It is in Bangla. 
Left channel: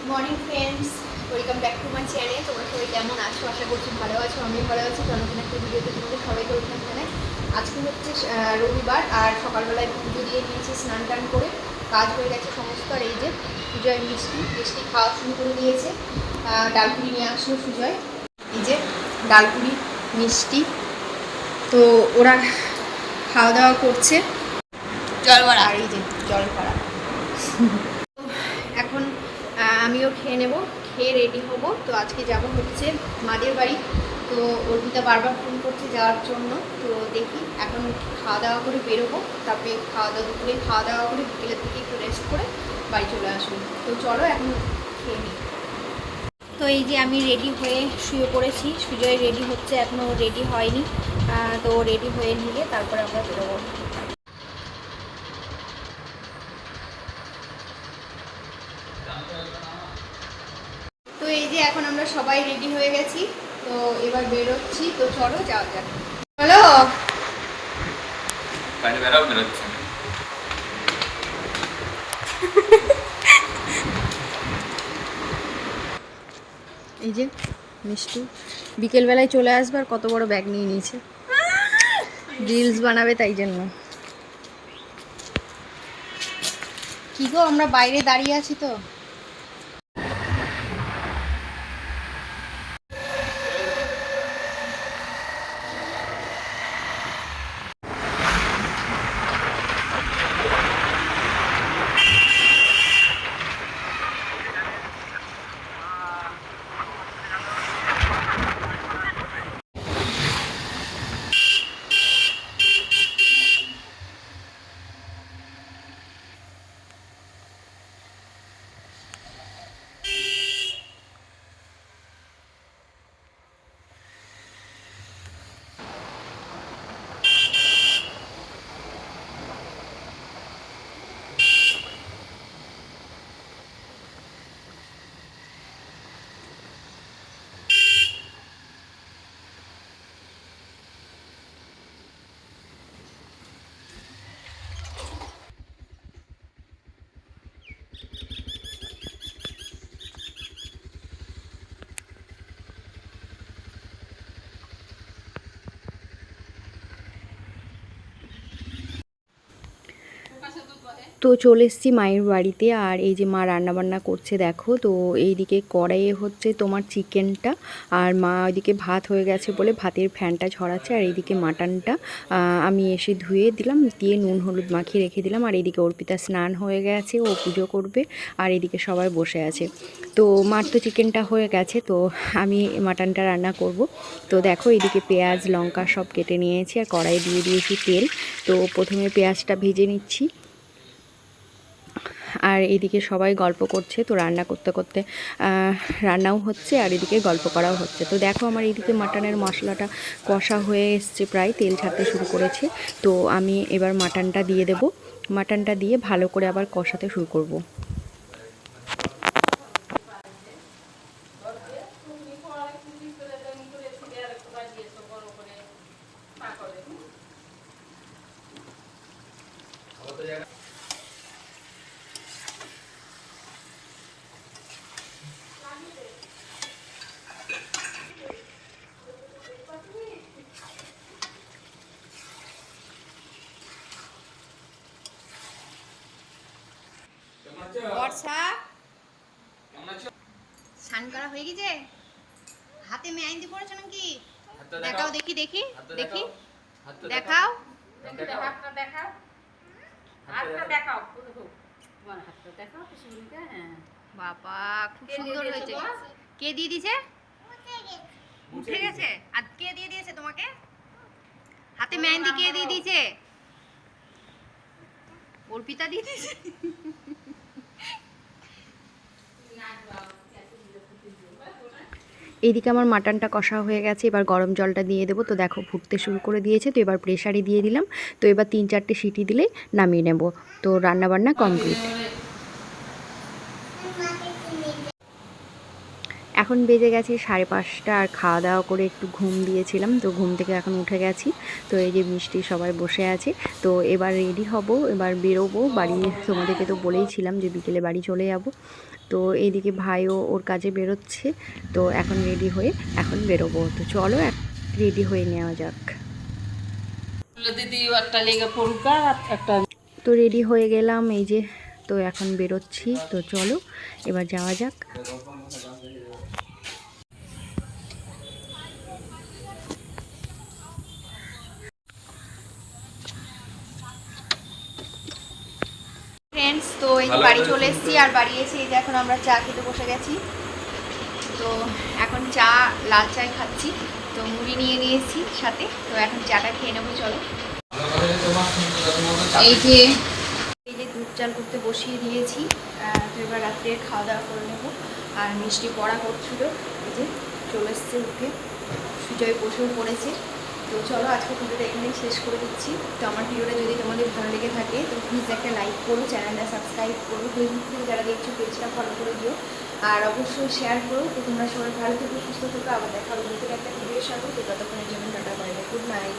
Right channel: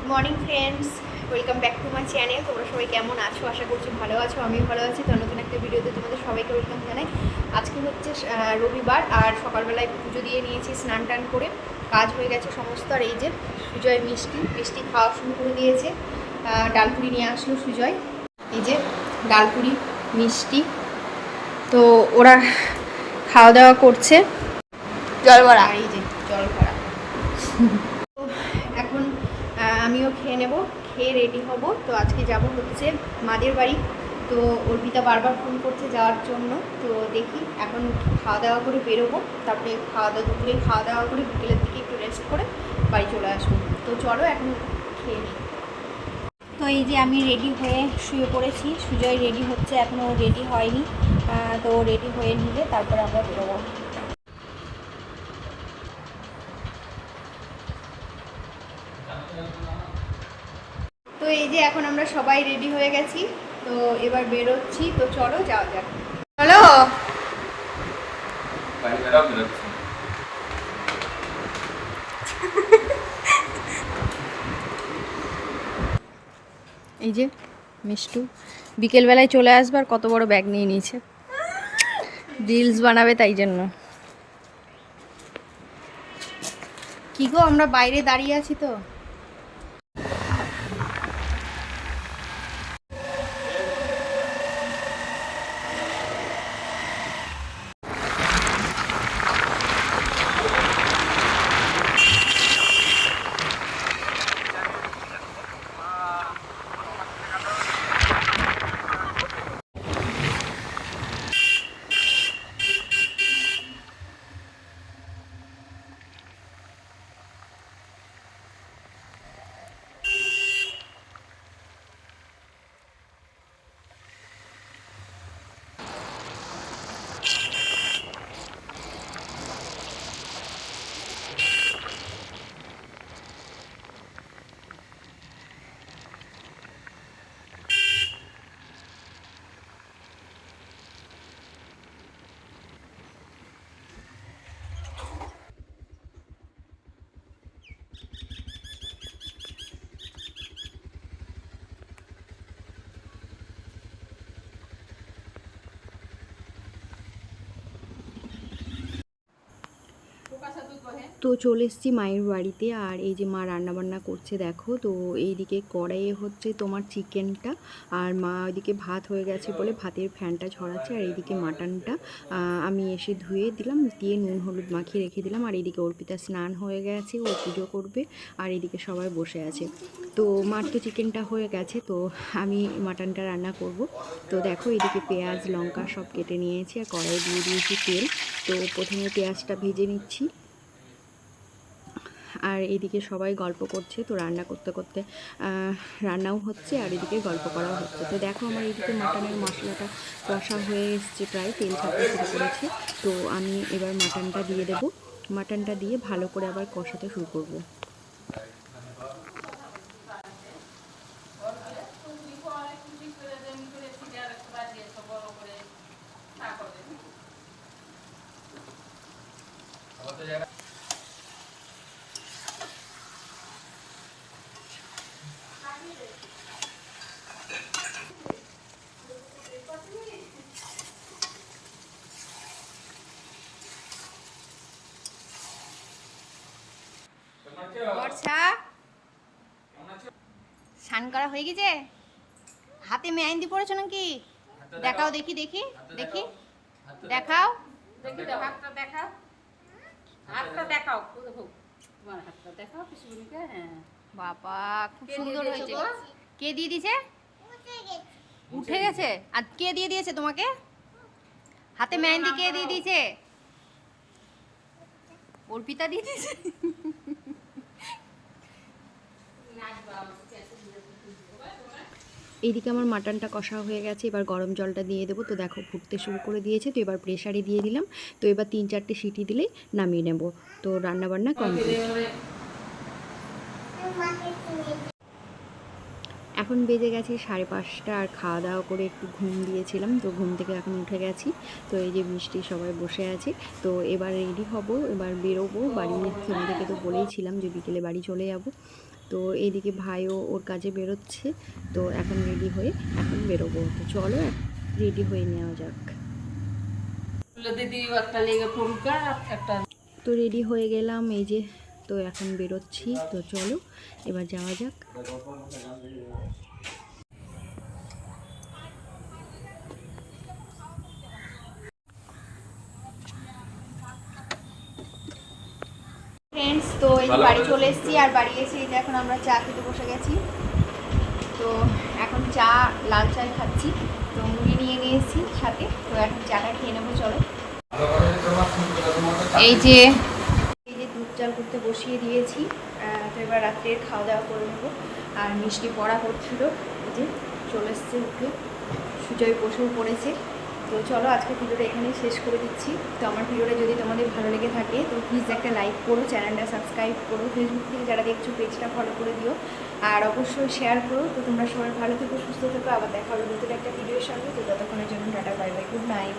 Good morning friends welcome back to my channel তোমরা সবাই কেমন আছো? আশা করছি ভালো আছো আমিও ভালো আছি। তো নতুন একটা ভিডিওতে তোমাদের সবাইকে ওয়েলকাম জানাই। আজকে হচ্ছে রবিবার আর সকালবেলায় পুজো দিয়ে নিয়েছি স্নান টান করে। কাজ হয়ে গেছে সমস্ত আর এই যে সুজয় মিষ্টি মিষ্টি খাওয়া শুরু করে দিয়েছে। ডালপুরি নিয়ে আসলো সুজয়। এই যে ডালপুরি মিষ্টি। তো ওরা খাওয়া দাওয়া করছে। জল ভরা আর এই যে জল ভরা আমিও খেয়ে নেব, খেয়ে রেডি হব। তো আজকে যাব হচ্ছে মাদের বাড়ি। তো অর্পিতা বারবার ফোন করছে যাওয়ার জন্য। তো দেখি এখন খাওয়া দাওয়া করে বেরোবো। তারপরে খাওয়া দাওয়া দুপুরে খাওয়া দাওয়া করে বিকেলের দিকে একটু রেস্ট করে বাড়ি চলে আসব। তো চলো এখন খেয়ে তো এই যে আমি রেডি হয়ে শুয়ে পড়েছি। সুজয় রেডি হচ্ছে এখনও রেডি হয়নি। তো রেডি হয়ে নিলে তারপরে আমরা বেরোবো। যে এখন আমরা সবাই রেডি হয়ে গেছি তো এবার বেরোচ্ছি তো চলো যাওয়া যাক। চলো। এই যে মিষ্টু বিকেলবেলায় চলে আসবার কত বড় ব্যাগ নিয়ে নিয়েছে। রিলস বানাবে তাই জন্য। কি গো আমরা বাইরে দাঁড়িয়ে আছি তো। তো চলে এসেছি মায়ের বাড়িতে আর এই যে মা রান্নাবান্না করছে দেখো, তো এইদিকে কড়াইয়ে হচ্ছে তোমার চিকেনটা আর মা ওইদিকে ভাত হয়ে গেছে বলে ভাতের ফ্যানটা ছড়াচ্ছে আর এইদিকে মাটনটা আমি এসে ধুয়ে দিলাম, দিয়ে নুন হলুদ মাখিয়ে রেখে দিলাম আর এইদিকে অর্পিতা স্নান হয়ে গেছে, ও পুজো করবে আর এইদিকে সবাই বসে আছে। তো মার তো চিকেনটা হয়ে গেছে, তো আমি মাটনটা রান্না করব। তো দেখো এইদিকে পেঁয়াজ, লঙ্কা সব কেটে নিয়েছি আর কড়াই দিয়ে দিয়েছি তেল। তো প্রথমে পেঁয়াজটা ভেজে নিচ্ছি। আর এদিকে সবাই গল্প করছে, তো রান্না করতে করতে রান্নাও হচ্ছে আর এদিকে গল্প করাও হচ্ছে। তো দেখো আমার এইদিকে মাটনের মশলাটা কষা হয়ে এসছে প্রায়, তেল ছাড়তে শুরু করেছে। তো আমি এবার মাটনটা দিয়ে দেব। মাটনটা দিয়ে ভালো করে আবার কষাতে শুরু করব। বর্ষা। স্নান করা হয়ে গেছে? হাতে মেহেন্দি পড়েছো নাকি? দেখাও দেখি দেখি দেখি। দেখাও। হ্যাঁ। বাবা খুব সুন্দর হয়েছে। কে দিয়ে দিয়েছে? উঠে গেছে? আর কে দিয়ে দিয়েছে তোমাকে? হাতে মেহেন্দি কে দিয়ে দিয়েছে? অর্পিতা দিয়ে দিয়েছে? এইদিকে আমার মাটনটা কষা হয়ে গেছে, এবার গরম জলটা দিয়ে দেবো। তো দেখো ফুটতে শুরু করে দিয়েছে, তো এবার প্রেশারে দিয়ে দিলাম। তো এবার তিন চারটে সিটি দিলে নামিয়ে নেব। তো রান্নাবান্না কমপ্লিট। এখন বেজে গেছে সাড়ে পাঁচটা, আর খাওয়া দাওয়া করে একটু ঘুম দিয়েছিলাম। তো ঘুম থেকে এখন উঠে গেছি। তো এই যে মিষ্টি সবাই বসে আছে। তো এবার রেডি হব, এবার বেরোবো বাড়ি। তোমাদেরকে তো বলেইছিলাম যে বিকেলে বাড়ি চলে যাব। তো এইদিকে ভাইও ওর কাজে বেরোচ্ছে। তো এখন রেডি হয়ে এখন বেরোবো। তো চলো রেডি হয়ে নেওয়া যাক। দিদি একটা লেগে পড়ুক একটা তো রেডি হয়ে গেলাম এই যে। তো এখন বেরোচ্ছি। তো চলো এবার যাওয়া যাক। ফ্রেন্ডস তো এই যে বাড়ি চলে এসেছি আর বাড়ি এসে এই যে এখন আমরা চা খেতে বসে গেছি। তো এখন চা লাল চায় খাচ্ছি তো মুড়ি নিয়ে নিয়েছি সাথে তো এখন চাটা খেয়ে নেব চলো। এই যে এই যে দুধ চাল করতে বসিয়ে দিয়েছি তো এবার রাত্রের খাওয়া দাওয়া করে নেব। আর মিষ্টি পড়া করছিল এই যে চলে এসছে উঠে। সুজয় বসেও পড়েছে। তো চলো আজকে ভিডিওটা এখানেই শেষ করে দিচ্ছি। তো আমার ভিডিওটা যদি তোমাদের ভালো লেগে থাকে, তো প্লিজ একটা লাইক করো চ্যানেলটা সাবস্ক্রাইব করো। ফেসবুক থেকে যারা দেখছ পেজটা ফলো করে দিও। আর অবশ্যই শেয়ার করো। তো তোমরা সবাই ভালো থেকো, সুস্থ থাকো। আবার দেখা হবে নতুন একটা ভিডিওর সাথে তো ততক্ষণের জন্য tata bye bye good night